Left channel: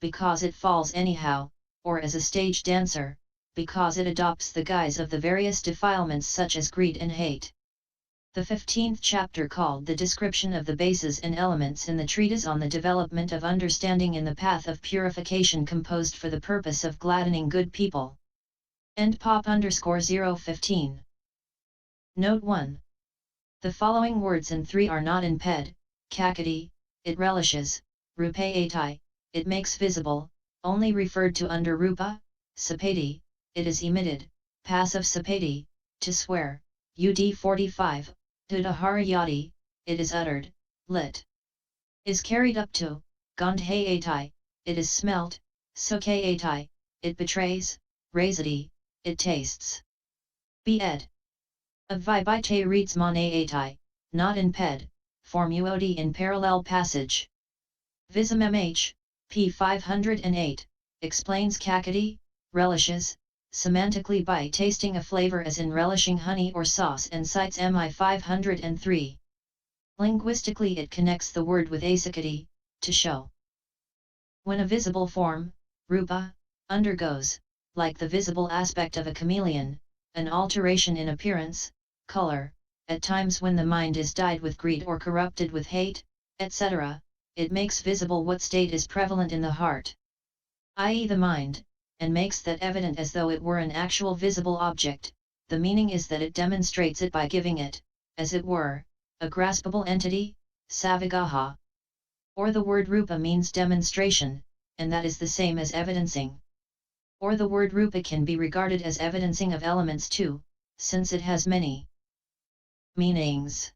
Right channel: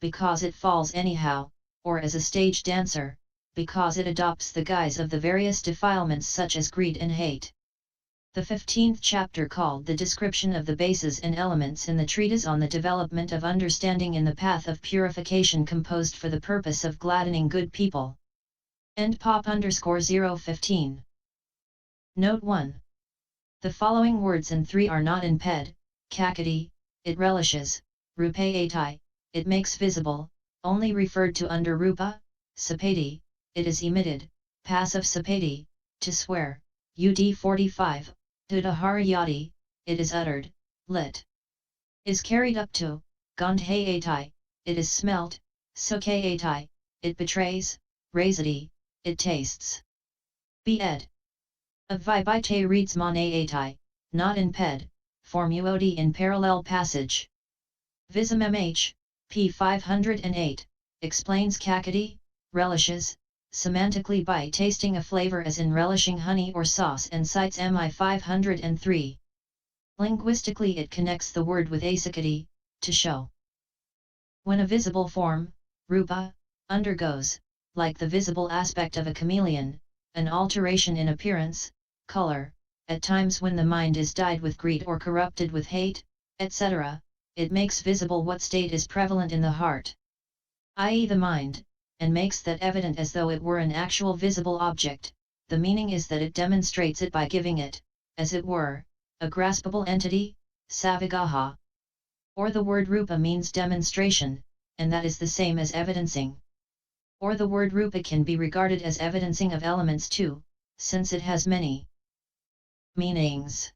because it falls anyhow, or as a stage dancer, because it adopts the guise of the various defilements such as greed and hate. The 15th chapter, called The Description of the Bases and Elements in the Treatise on the Development of Understanding in the Path of Purification, composed for the purpose of gladdening good people. End pop _ 015. Note 1. The following words in 3 are not in ped, cakkhati, it relishes, Rúpayati, it makes visible, only referred to under rúpa, sapati, it is emitted, passive sapati, to swear, ud 45, udahariyati, it is uttered, lit. Is carried up to, gandhayati, it is smelt, súcayati, it betrays, rasati, it tastes. B.ed. Of Vibh-a reads manayati, not in ped, for muoati in parallel passage. Vism-mhþ, p. 508, explains cakkhati, relishes, semantically by tasting a flavor as in relishing honey or sauce, and cites mi 503. Linguistically, it connects the word with acikkhati, to show. When a visible form, rúpa, undergoes, like the visible aspect of a chameleon, an alteration in appearance, color, at times when the mind is dyed with greed or corrupted with hate, etc., it makes visible what state is prevalent in the heart, i.e. the mind, and makes that evident as though it were an actual visible object. The meaning is that it demonstrates it by giving it, as it were, a graspable entity, saviggaha. Or the word rúpa means demonstration, and that is the same as evidencing. Or the word rúpa can be regarded as evidencing of elements too, since it has many meanings.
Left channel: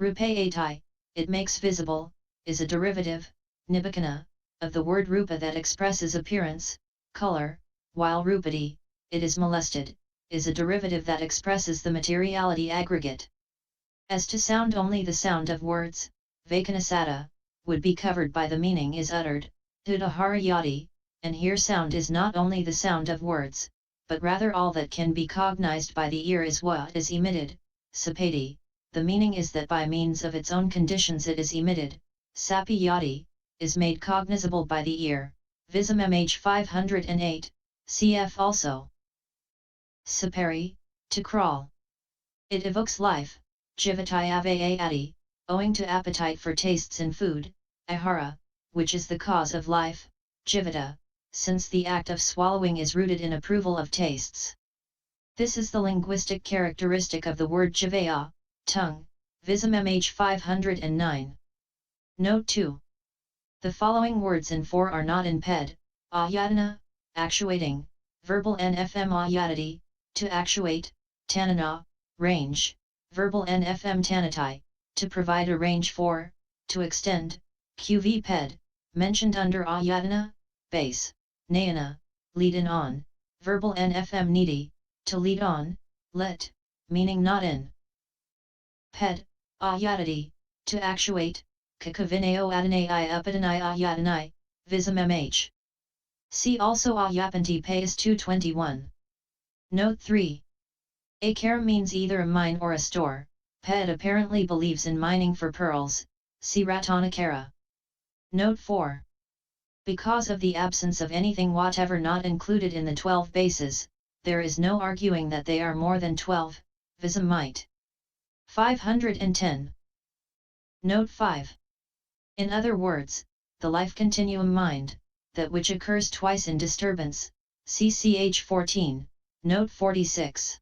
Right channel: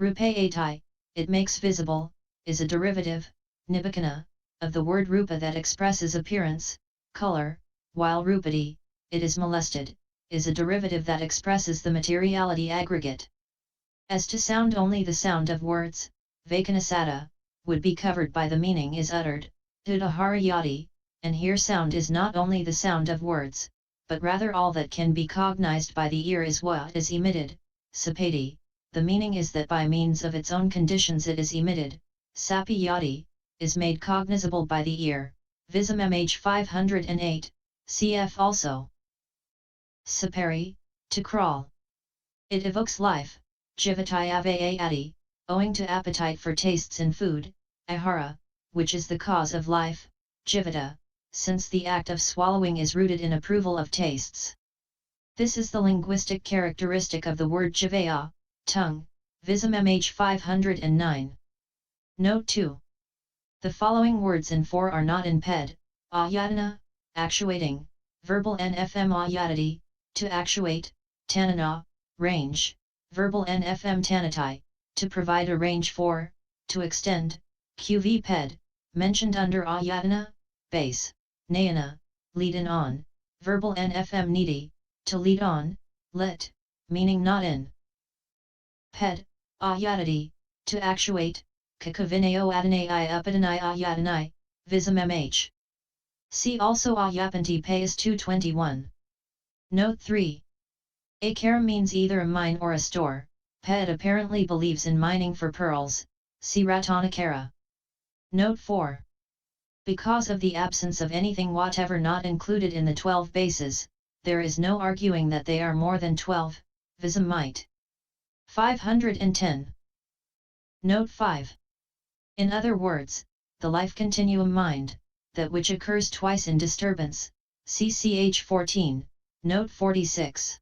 Rúpayati, it makes visible, is a derivative, nibbacana, of the word rúpa that expresses appearance, color, while ruppati, it is molested, is a derivative that expresses the materiality aggregate. As to sound, only the sound of words, vacana-sadda, would be covered by the meaning is uttered, udahariyati, and here sound is not only the sound of words, but rather all that can be cognized by the ear is what is emitted, sapati, the meaning is that by means of its own conditions it is emitted, sappati, is made cognizable by the ear. Vism-mhþ 508, cf. also. Sapari, to crawl. It evokes life, jivati, owing to appetite for tastes in food, ahara, which is the cause of life, jivata, since the act of swallowing is rooted in approval of tastes. This is the linguistic characteristic of the word jivaya, tongue, Vism-mhþ 509. Note 2. The following words in 4 are not in ped, ayatana, actuating, verbal nfm ayatati, to actuate, tanana, range, verbal nfm tanati, to provide a range for, to extend, qv ped, mentioned under ayatana, base, nayana, lead in on, verbal nfm niti, to lead on, let, meaning not in ped, ayatati, to actuate, kakavineo adanai upadanai ayatanai, Vism-mhþ. See also ayapanti Pais 221. Note 3. Akara means either a mine or a store. Ped apparently believes in mining for pearls. See Ratanakara. Note 4. Because of the absence of anything whatever not included in the 12 bases, there is no arguing that they are more than 12. Vism-mhþ. 510. Note 5. In other words, the life continuum mind, that which occurs twice in disturbance, CCH 14, note 46.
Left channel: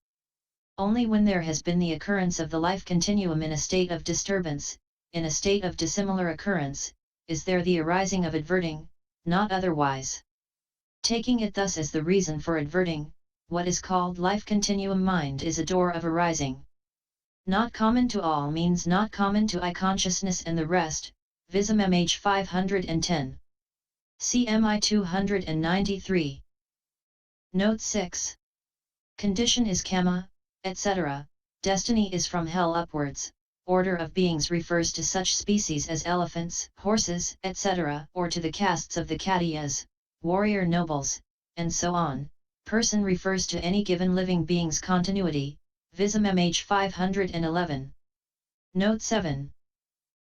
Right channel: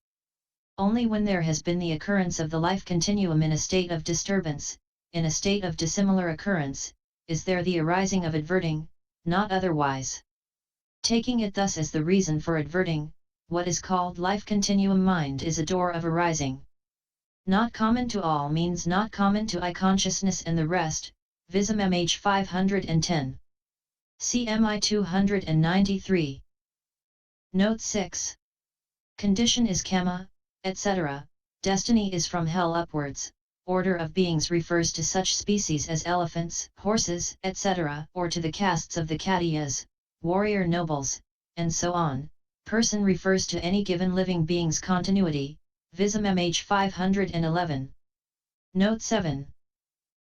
Only when there has been the occurrence of the life continuum in a state of disturbance, in a state of dissimilar occurrence, is there the arising of adverting, not otherwise. Taking it thus as the reason for adverting, what is called life continuum mind is a door of arising. Not common to all means not common to I consciousness and the rest. Vism-mhþ 510. CMI 293. Note 6. Condition is kama, etc., destiny is from hell upwards, order of beings refers to such species as elephants, horses, etc., or to the castes of the Kshatriyas, warrior nobles, and so on. Person refers to any given living being's continuity. Vism-mhþ 511. Note 7.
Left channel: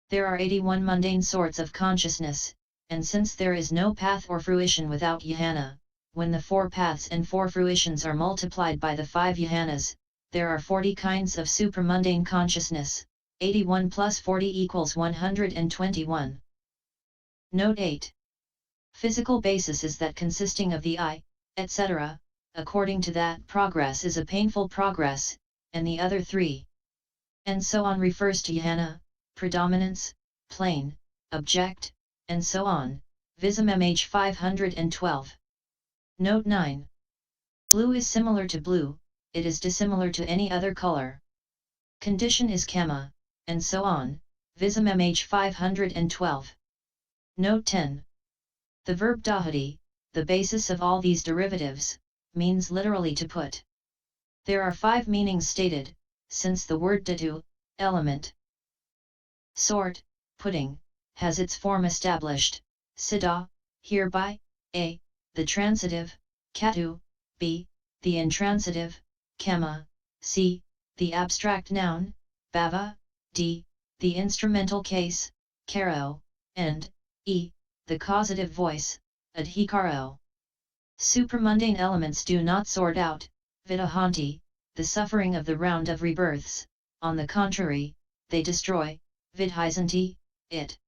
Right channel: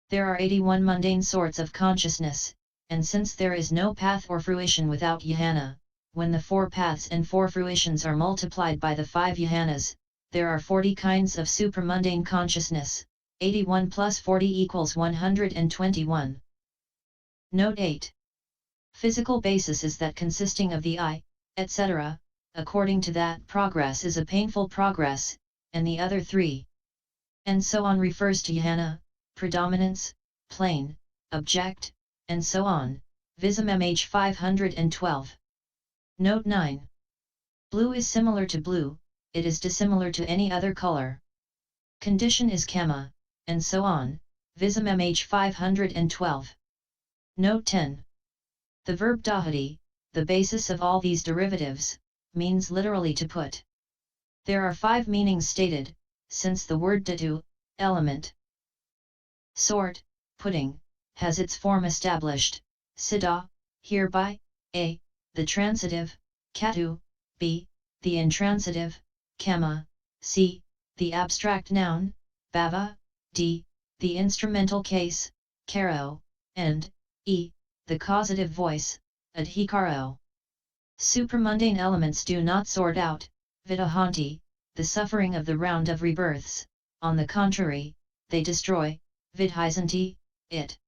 There are 81 mundane sorts of consciousness, and since there is no path or fruition without yahana, when the 4 paths and 4 fruitions are multiplied by the 5 yahanas, there are 40 kinds of supramundane consciousness. 81 plus 40 equals 121. Note 8. Physical basis is that consisting of the I, etc., according to that progress is a painful progress, and the other 3. And so on refers to yahana, predominance, plane, object, and so on. Vism-mhþ 512. Note 9. Blue is similar to blue, it is dissimilar to any other color. Condition is kama, and so on. Vism-mhþ 512. Note 10. The verb dahati, the basis of all these derivatives, means literally to put. There are 5 meanings stated, since the word datu, element, sort, putting, has its form established. Sadda, hereby, a, the transitive, katu, b, the intransitive, kama, c, the abstract noun, bhava, d, the instrumental case, karo, and e, the causative voice, adhikaro. Supramundane elements do not sort out, vidahanti, the suffering of the round of rebirths, on the contrary, they destroy, vidhisanti, it.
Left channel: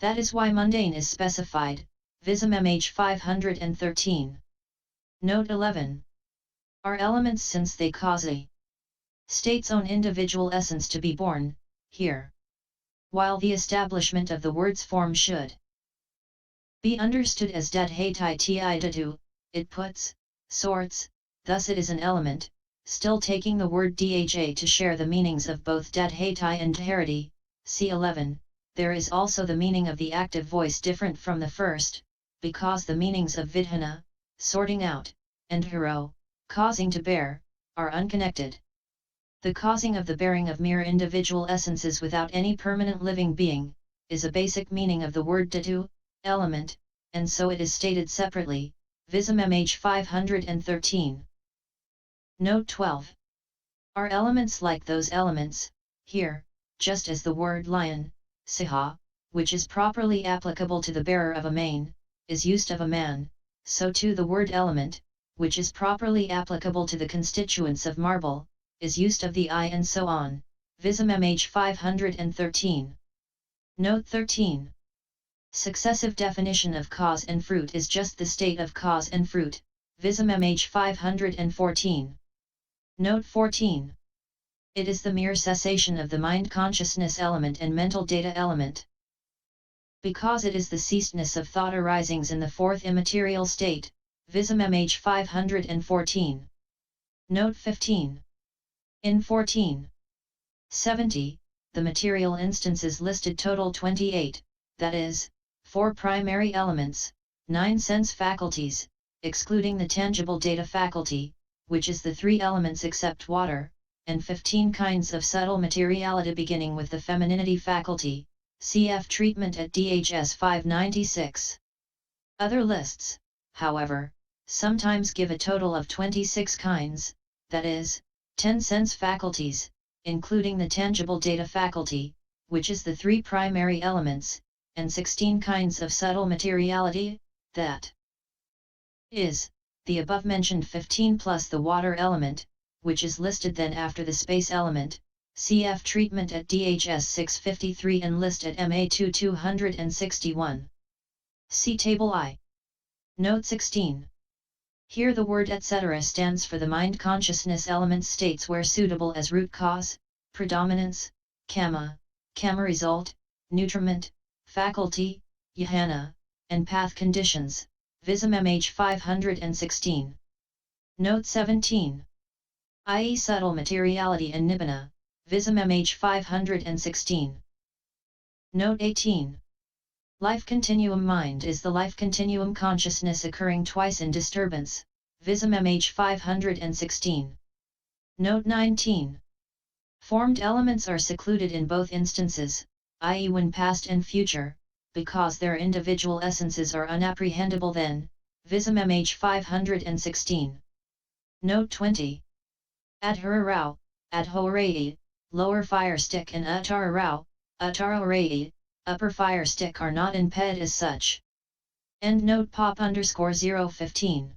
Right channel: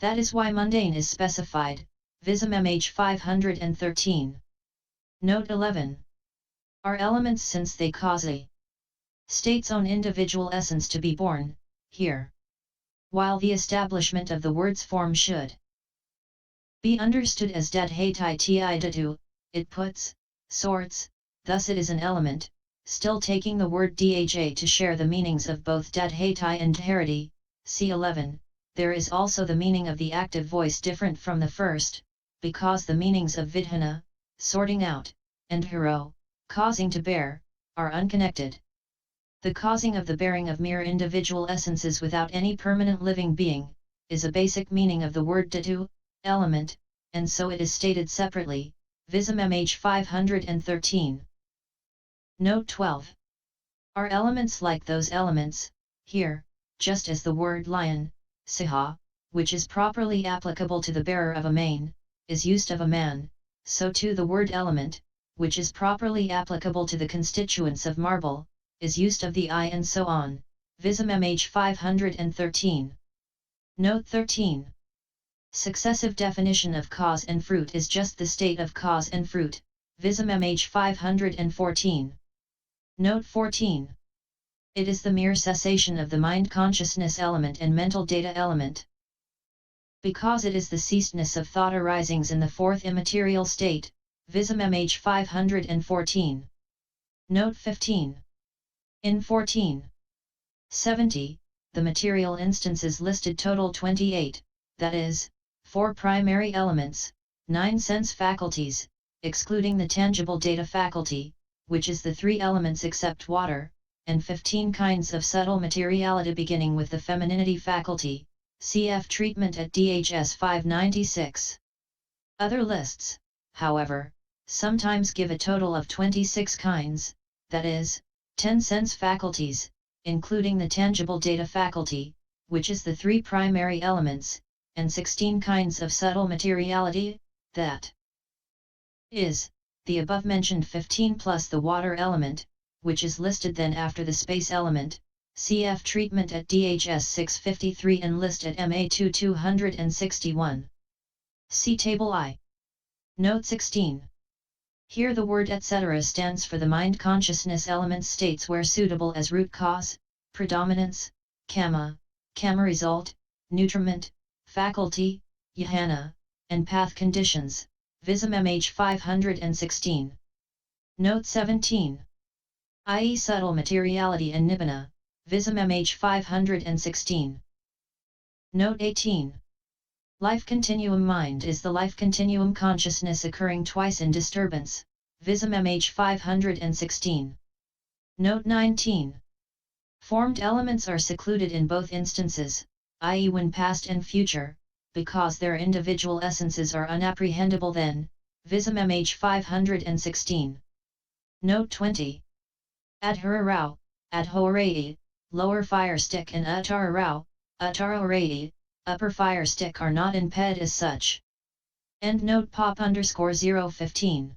That is why mundane is specified, Vism-mhþ 513. Note 11. Are elements since they cause a state's own individual essence to be born, here. While the establishment of the word's form should be understood as gandhayati datu, it puts, sorts, thus it is an element, still taking the word dha to share the meanings of both gandhayati and dharati. C11. There is also the meaning of the active voice different from the first, because the meanings of vidhana, sorting out, and haro, causing to bear, are unconnected. The causing of the bearing of mere individual essences without any permanent living being, is a basic meaning of the word datu, element, and so it is stated separately, Vism-mhþ 513. Note 12. Are elements like those elements, here, just as the word lion, siha, which is properly applicable to the bearer of a mane, is used of a man, so too the word element, which is properly applicable to the constituents of marble, is used of the eye and so on. Vism-mhþ 513. Note 13. Successive definition of cause and fruit is just the state of cause and fruit. Vism-mhþ 514. Note 14. It is the mere cessation of the mind consciousness element and mental data element. Because it is the ceasedness of thought arisings in the 4th immaterial state, Vism-mhþ 514. Note 15. In 1470, the material instances listed total 28, that is, 4 primary elements, 9 sense faculties, excluding the tangible data faculty, which is the 3 elements except water, and 15 kinds of subtle materiality beginning with the femininity faculty, cf. treatment at DHS 596. Other lists, however, sometimes give a total of 26 kinds, that is, 10 sense faculties, including the tangible data faculty, which is the 3 primary elements, and 16 kinds of subtle materiality, that is, the above-mentioned 15 plus the water element, which is listed then after the space element, cf. treatment at DHS 653 and list at MA2 261. See Table I. Note 16. Here the word etc. stands for the mind consciousness element states where suitable as root cause, predominance, kama result, nutriment, faculty, yahana, and path conditions, Vism-mhþ 516. Note 17. I.e. subtle materiality and nibbacana, Vism-mhþ 516. Note 18. Life continuum mind is the life continuum consciousness occurring twice in disturbance, Vism-mhþ 516. Note 19. Formed elements are secluded in both instances, i.e. when past and future, because their individual essences are unapprehendable then, Vism-mhþ 516. Note 20. Adhararao, adhorai, lower fire stick and uttararao, uttararai, upper fire stick are not in ped as such. Endnote pop_015.